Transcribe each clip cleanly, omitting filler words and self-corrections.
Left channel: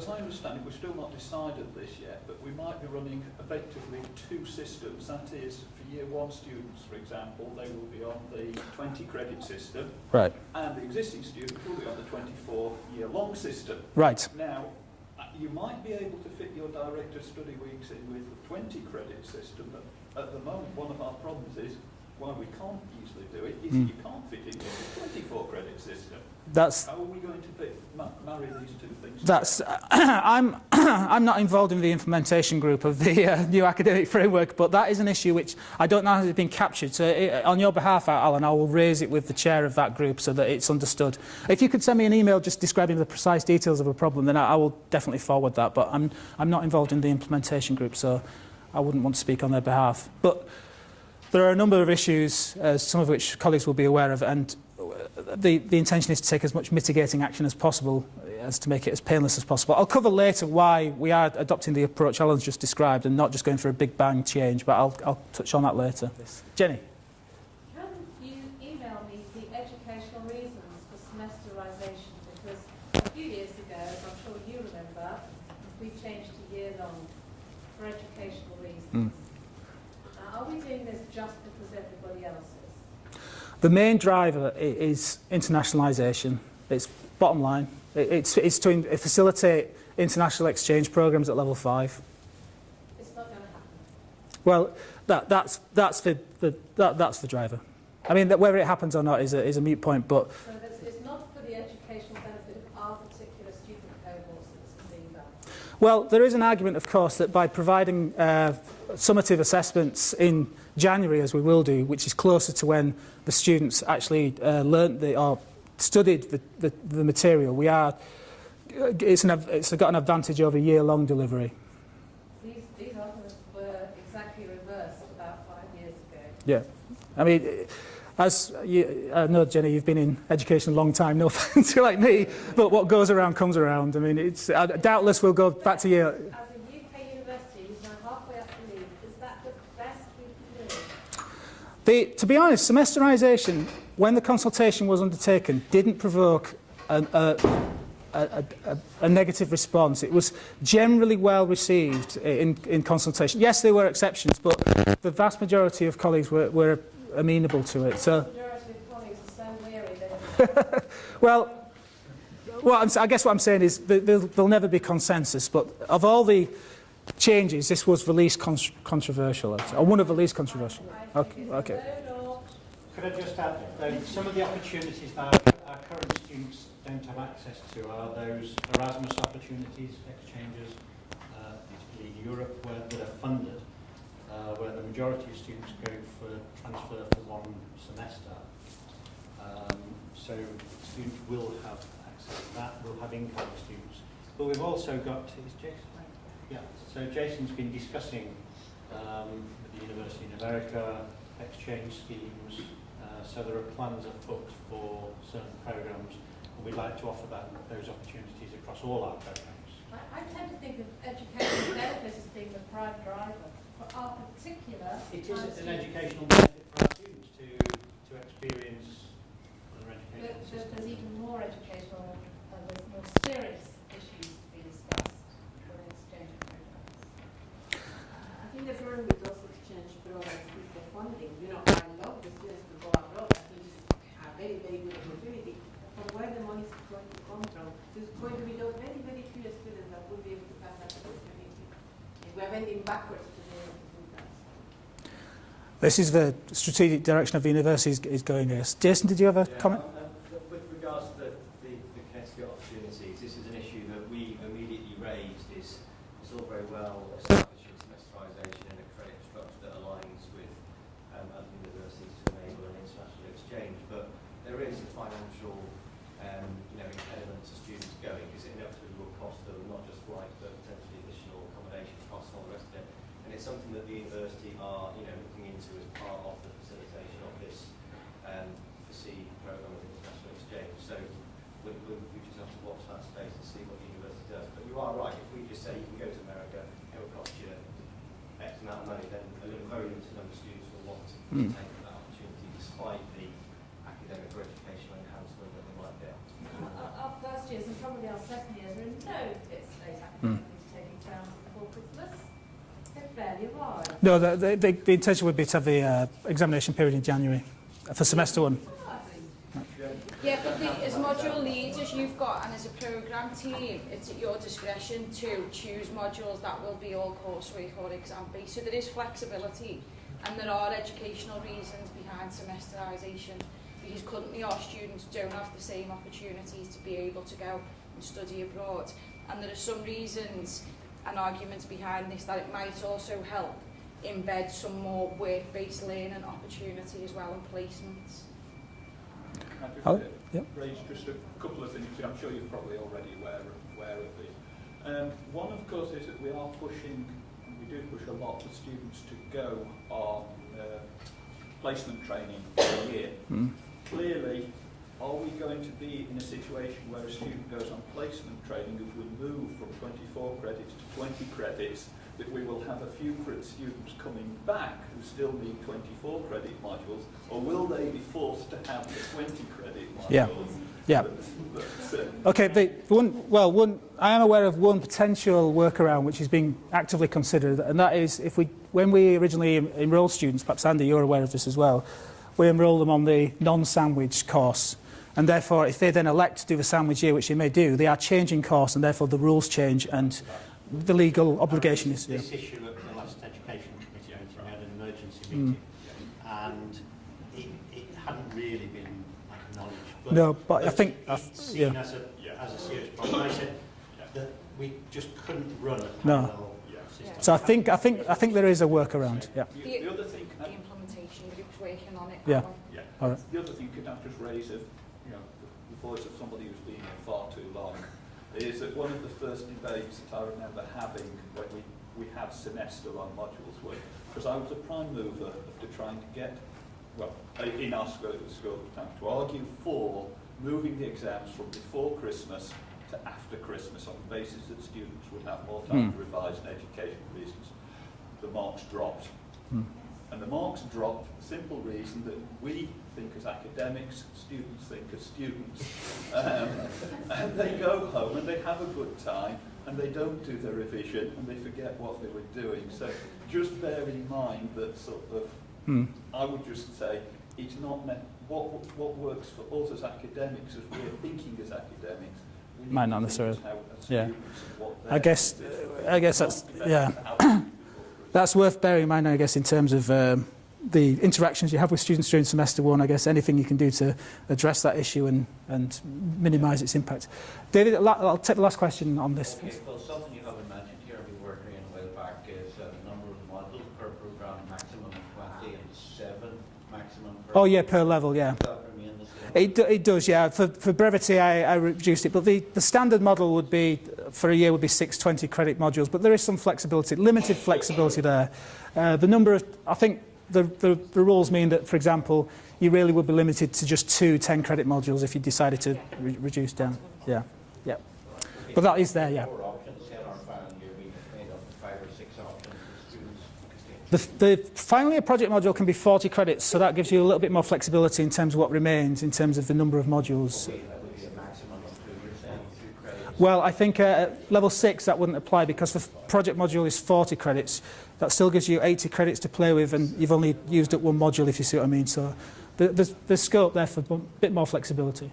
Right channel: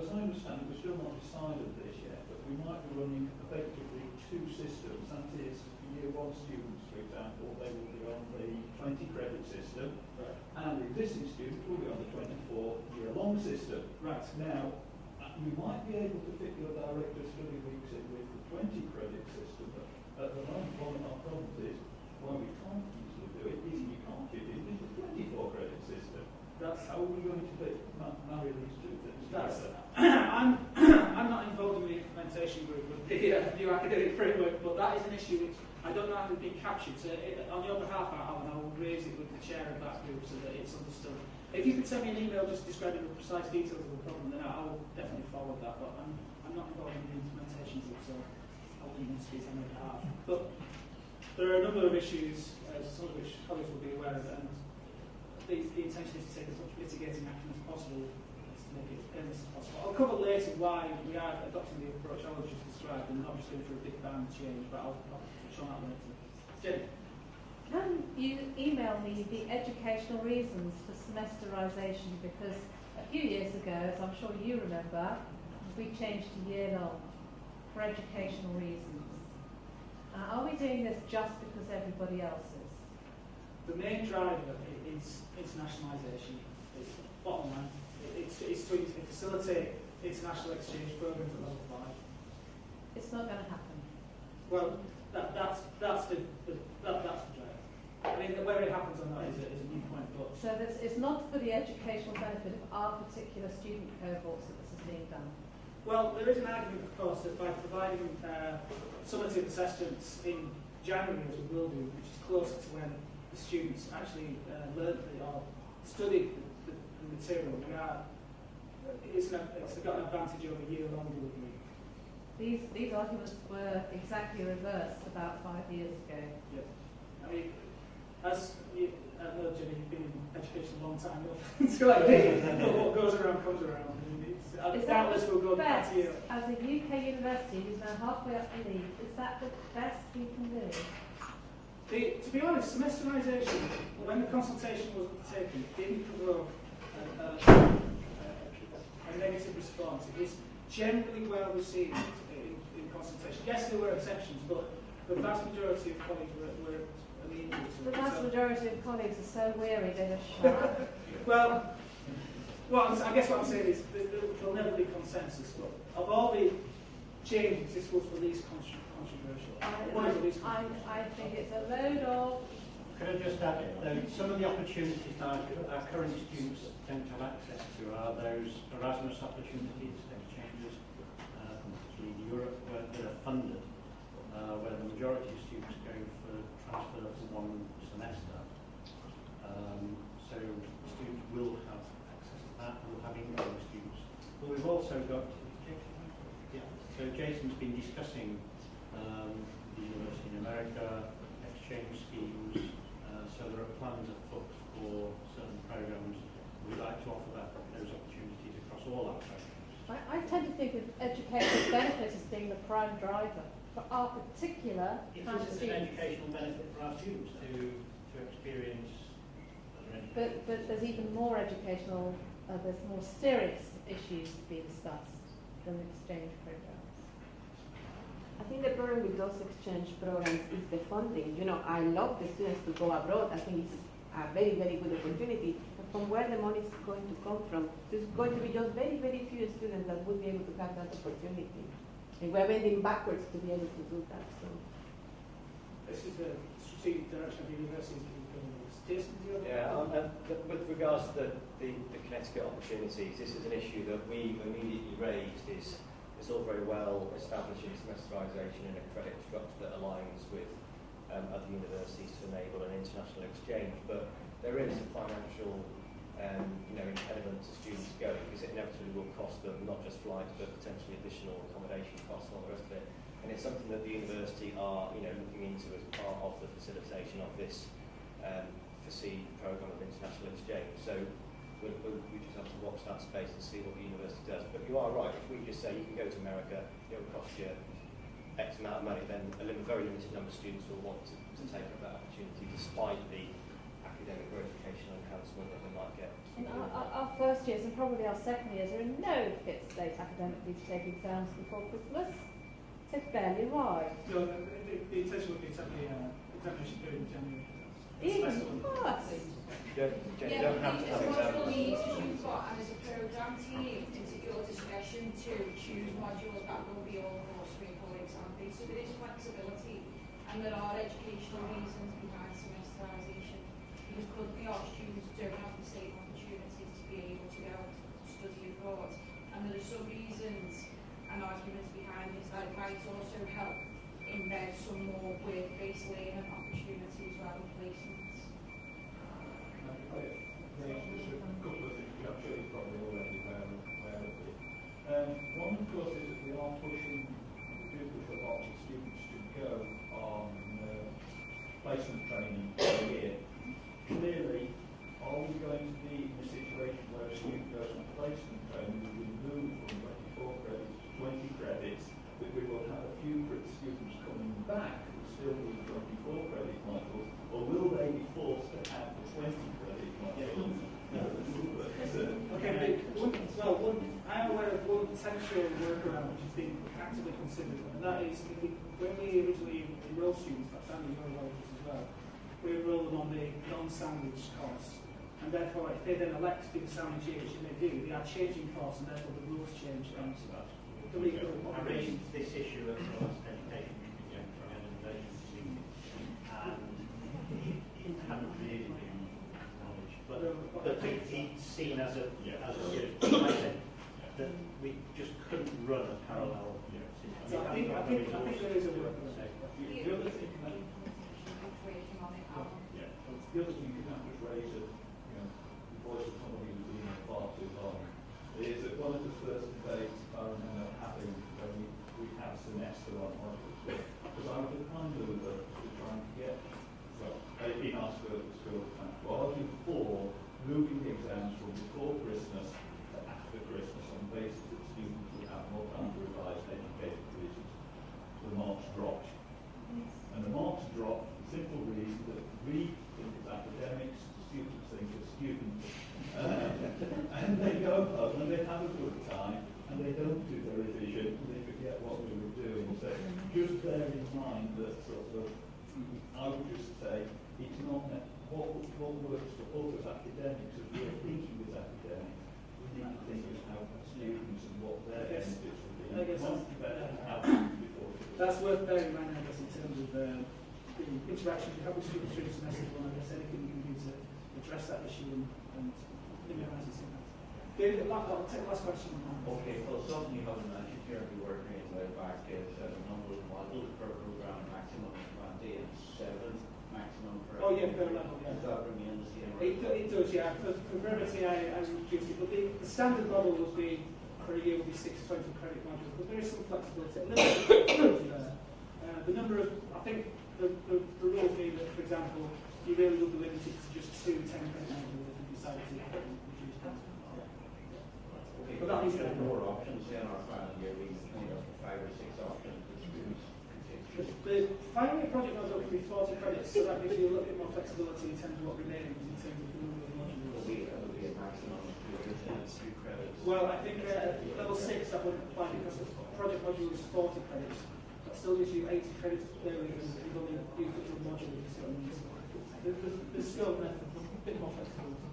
as I understand it, we've still not decided this yet, but we might be running effectively two systems. That is, for year one students, for example, they will be on the 20 credit system. Right. And the existing students will be on the 24-year-long system. Right. Now, you might be able to fit your director study weeks in with the 20 credit system, but at the moment, one of our problems is why we can't easily do it is you can't fit it in the 24 credit system. How are we going to marry these two things? I'm not involved in the implementation group of the new academic framework, but that is an issue which I don't know how it's been captured. So on your behalf, Alan, I will raise it with the chair of that group so that it's understood. If you could send me an email just describing the precise details of a problem, then I will definitely forward that. But I'm not involved in the implementation group, so I wouldn't want to speak on their behalf. But there are a number of issues, some of which colleagues will be aware of, and the intention is to take as much mitigating action as possible as to make it as painless as possible. I'll cover later why we are adopting the approach Alan's just described and not just going for a big bang change, but I'll touch on that later. Jenny. Can you email me the educational reasons for semesterisation? Because a few years ago, I'm sure you remember, we changed to year-long for educational reasons. Are we doing this just because everybody else is? The main driver is internationalisation. It's bottom line. It's to facilitate international exchange programmes at level 5. It's not going to happen. Well, that's the driver. I mean, whether it happens or not is a moot point, but... So it's not for the educational benefit of our particular student cohorts that this is being done? Well, there is an argument, of course, that by providing summative assessments in January, as we will do, which is closer to when the students actually learnt or studied the material, it's got an advantage over year-long delivery. These arguments were exactly reversed about 5 years ago. Yeah. I mean, I know, Jenny, you've been in education a long time, no offence, you're like me, but what goes around comes around. I mean, doubtless we'll go back to year... As a UK university who's now halfway up the league, is that the best we can do? To be honest, semesterisation, when the consultation was undertaken, didn't provoke a negative response. It was generally well received in consultation. Yes, there were exceptions, but the vast majority of colleagues were amenable to it. The vast majority of colleagues are so weary. Well, I guess what I'm saying is there'll never be consensus, but of all the changes, this was the least controversial, or one of the least controversial. Okay. Could I just add, some of the opportunities that our current students don't have access to are those Erasmus opportunities, exchanges, particularly in Europe, that are funded, where the majority of students are going for transfer for one semester. So students will have access to that, will have incoming students. But we've also got, so Jason's been discussing the university in America, exchange schemes, so there are plans afoot for certain programmes, and we'd like to offer those opportunities across all our programmes. I tend to think of educational benefits as being the prime driver. For our particular... It is an educational benefit for our students to experience other education. But there's even more educational, there's more serious issues to be discussed than exchange programmes. I think the problem with those exchange programs is the funding. You know, I love the students to go abroad. I think it's a very, very good opportunity. But from where the money is going to come from, there's going to be just very, very few students that will be able to have that opportunity. And we're bending backwards to be able to do that. So. This is the strategic direction of the university is going here. Jason, did you have a comment? With regards to the Connecticut opportunities, this is an issue that we immediately raised. It's all very well establishing semesterisation in a credit structure that aligns with other universities to enable an international exchange, but there is a financial element to students going, because it inevitably will cost them not just flights but potentially additional accommodation costs and all the rest of it. And it's something that the university are looking into as part of the facilitation of this FACEED programme of international exchange. So we'll just have to watch that space and see what the university does. But you are right, if we just say you can go to America, it will cost you X amount of money, then a very limited number of students will want to take up that opportunity despite the academic or educational enhancement that they might get. Our first years and probably our second years are in no fit state No, the intention would be to have the examination period in January for semester 1. Yeah, but as module leaders you've got and as a programme team, it's at your discretion to choose modules that will be all courseware, for example. So there is flexibility and there are educational reasons behind semesterisation, because currently our students don't have the same opportunities to be able to go and study abroad. And there are some reasons and arguments behind this that it might also help embed some more work-based learning opportunity as well in placements. Raise just a couple of things. I'm sure you're probably already aware of it. One, of course, is that we are pushing, we do push a lot of students to go on placement training for a year. Clearly, are we going to be in a situation where a student goes on placement training who will move from 24 credits to 20 credits, that we will have a few students coming back who still need 24 credit modules, or will they be forced to have the 20 credit modules? Yeah. Okay, I am aware of one potential workaround which is being actively considered, and that is when we originally enrol students, perhaps Andy, you're aware of this as well, we enrol them on the non-sandwich course. And therefore, if they then elect to do the sandwich year, which they may do, they are changing course, and therefore the rules change and the legal obligation is... This issue at the last Education Committee meeting, we had an emergency meeting, and it hadn't really been acknowledged. But No, but I think... it's seen as a serious problem. I said that we just couldn't run a No. parallel system. So I think there is a workaround, yeah. The other thing, The implementation group's working on it. Yeah. now. All right. the other thing, could I just raise the voice of somebody who's been here far too long, is that one of the first debates that I remember having when we had semester on modules was, because I was a prime mover to trying to get, in our school at the time, to argue for moving the exams from before Christmas to after Christmas on the basis that students would have more time to revise in education reasons. The marks dropped. And the marks dropped for the simple reason that we think as academics, students think as students. And they go home and they have a good time and they don't do their revision and they forget what they were doing. So just bear in mind that sort of, I would just say, it's not meant, what works for us as academics, as we're thinking as academics, we Might need not to necessarily. think as Yeah. students and what I guess that's, yeah. That's worth bearing in mind, I guess, in terms of the interactions you have with students during semester 1. I guess anything you can do to address that issue and minimise its impact. David, I'll take the last question on this. Okay, Phil, something you haven't mentioned here, and we were agreeing way back, is the number of modules per programme, maximum of 20 and 7 maximum per... Oh yeah, per level, yeah. Does that remain the same? It does, yeah. For brevity, I reduced it, but the standard model would be, for a year, would be 6 20 credit modules, but there is some flexibility, limited flexibility there. The number of, I think the rules mean that, for example, you really would be limited to just 2 10 credit modules if you decided to reduce down. Yeah, yeah. Okay, But that is there, yeah. 4 options in our final year, we end up with 5 or 6 options that students can take. The final year project module can be 40 credits, so that gives you a little bit more flexibility in terms of what remains, in terms of the number of modules. Okay, that would be a maximum of 2 credits. Well, I think at level 6 that wouldn't apply because the project module is 40 credits. That still gives you 80 credits to play with, and you've only used up 1 module, if you see what I mean. So there's scope there for a bit more flexibility.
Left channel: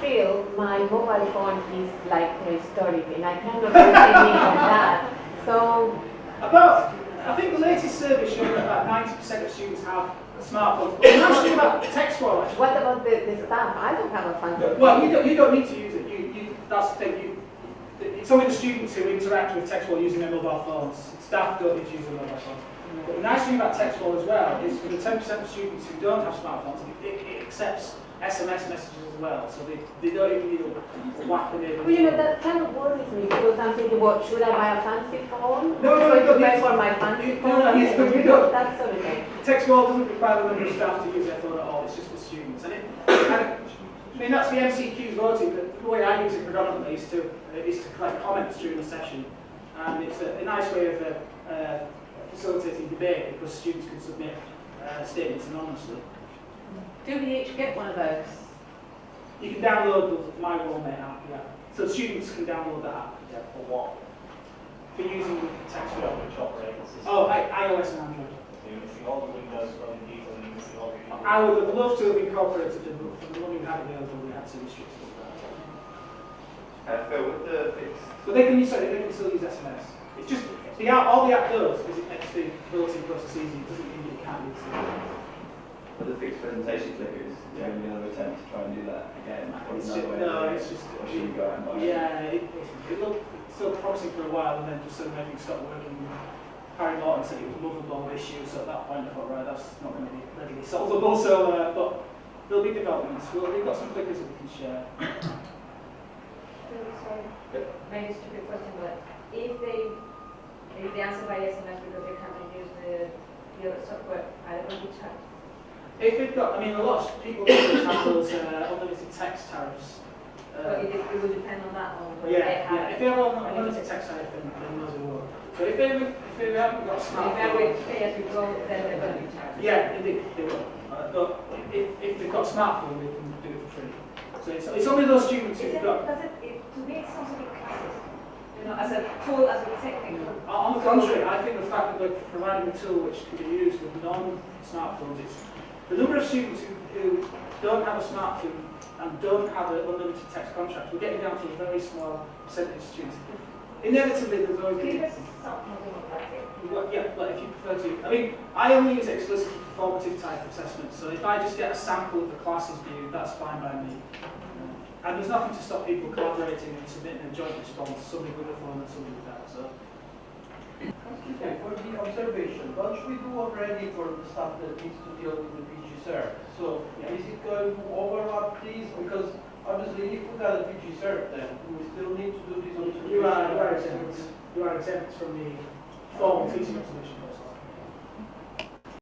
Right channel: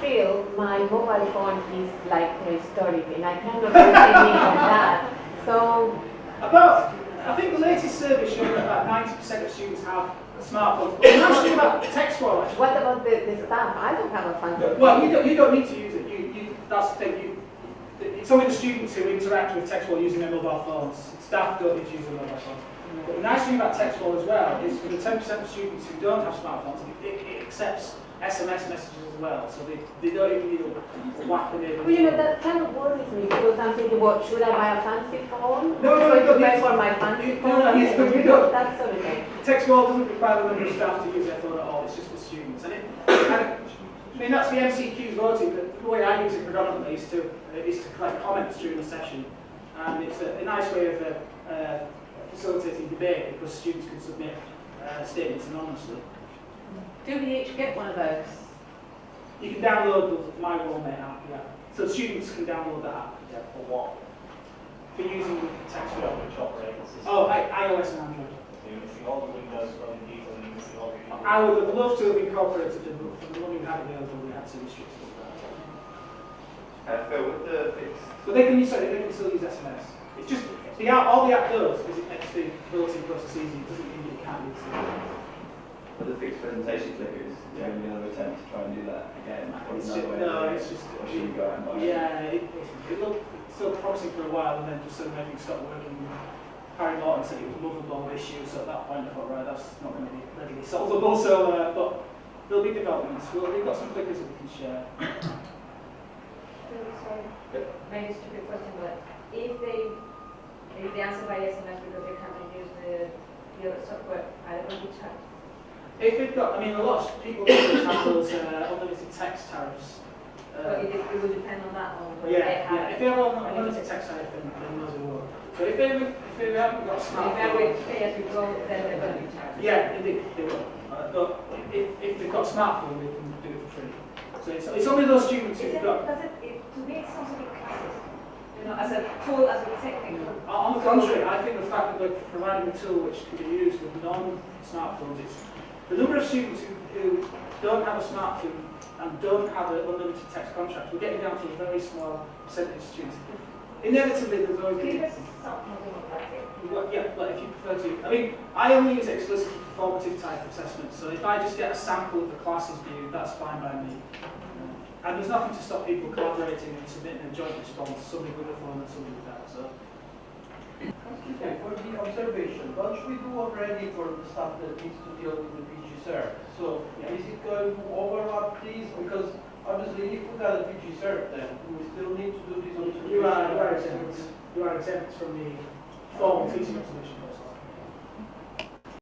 Phil, my mobile phone is like prehistoric and I cannot do anything on that. So, I think the latest survey showed that about 90% of students have smartphones. But the nice thing about TextWall, actually, what about the staff? I don't have a fancy well, you don't need to use it. That's the thing. It's only the students who interact with TextWall using their mobile phones. Staff don't need to use their mobile phones. But the nice thing about TextWall as well is for the 10% of students who don't have smartphones, it accepts SMS messages as well. So they don't even need a whack them in. Well, you know, that kind of worries me because I'm thinking, what, should I buy a fancy phone? No, so you don't to pay need for to. my fancy You- phone? no, no, yes, but you don't. That sort of thing. TextWall doesn't require the number of staff to use their phone at all. It's just for students. And I mean, that's the MCQ's voting, but the way I use it predominantly is to collect comments during the session. And it's a nice way of facilitating debate because students can submit statements anonymously. Do we each get one of those? You can download the My Roommate app, yeah. So students can download that app. Yeah, for what? for using text Yeah, which operating system? Oh, iOS and Android. So you're missing all the Windows from people and you're missing all the people. I would have loved to have incorporated them, but for the money we had available, we had to restrict it. Phil, with the fixed, But they can still use SMS. It's just all the app does is it makes the built-in process easy. It doesn't mean that you can't use it. with the fixed presentation clickers, is there going to be another attempt to try and do that again? Or It's another just, way no, of doing it's it? just Or should you go out and buy it? yeah. It looked still promising for a while, and then just suddenly everything stopped working. Harry Morton said it was a movable issue, so at that point I thought, right, that's not going to be readily solvable. So, but there'll be developments. We've got some clickers that we can share. Sorry, maybe a stupid question, but if they answer by SMS because they can't use the other software, are they going to be charged? If they've got, I mean, a lot of people have those unlimited text tariffs. But it will depend on that one. But Yeah. If they have unlimited text tariff, then no, they will. But if they haven't got a If smartphone, they pay as you go, then they're going to be charged. yeah, indeed, they will. But if they've got a smartphone, they can do it for free. So it's only those students who've got. To me, it sounds like classes. You know, as a tool, as a technical. On the contrary, I think the fact that we're providing a tool which can be used with non-smartphones, it's the number of students who don't have a smartphone and don't have an unlimited text contract, we're getting down to a very small percentage of students. Inevitably, there's always Give going us something like that. yeah, like if you prefer to. I mean, I only use it exclusively for formative type assessments, so if I just get a sample of the classes view, that's fine by me. And there's nothing to stop people collaborating and submitting a joint response, somebody with a phone and somebody without. So. Okay, for the observation, what should we do already for the stuff that needs to deal with the PG cert? So is it going to overlap these? Because obviously if we got a PG cert then we still need to do this observation. You are exempt. You are exempt from the formal teaching observation process.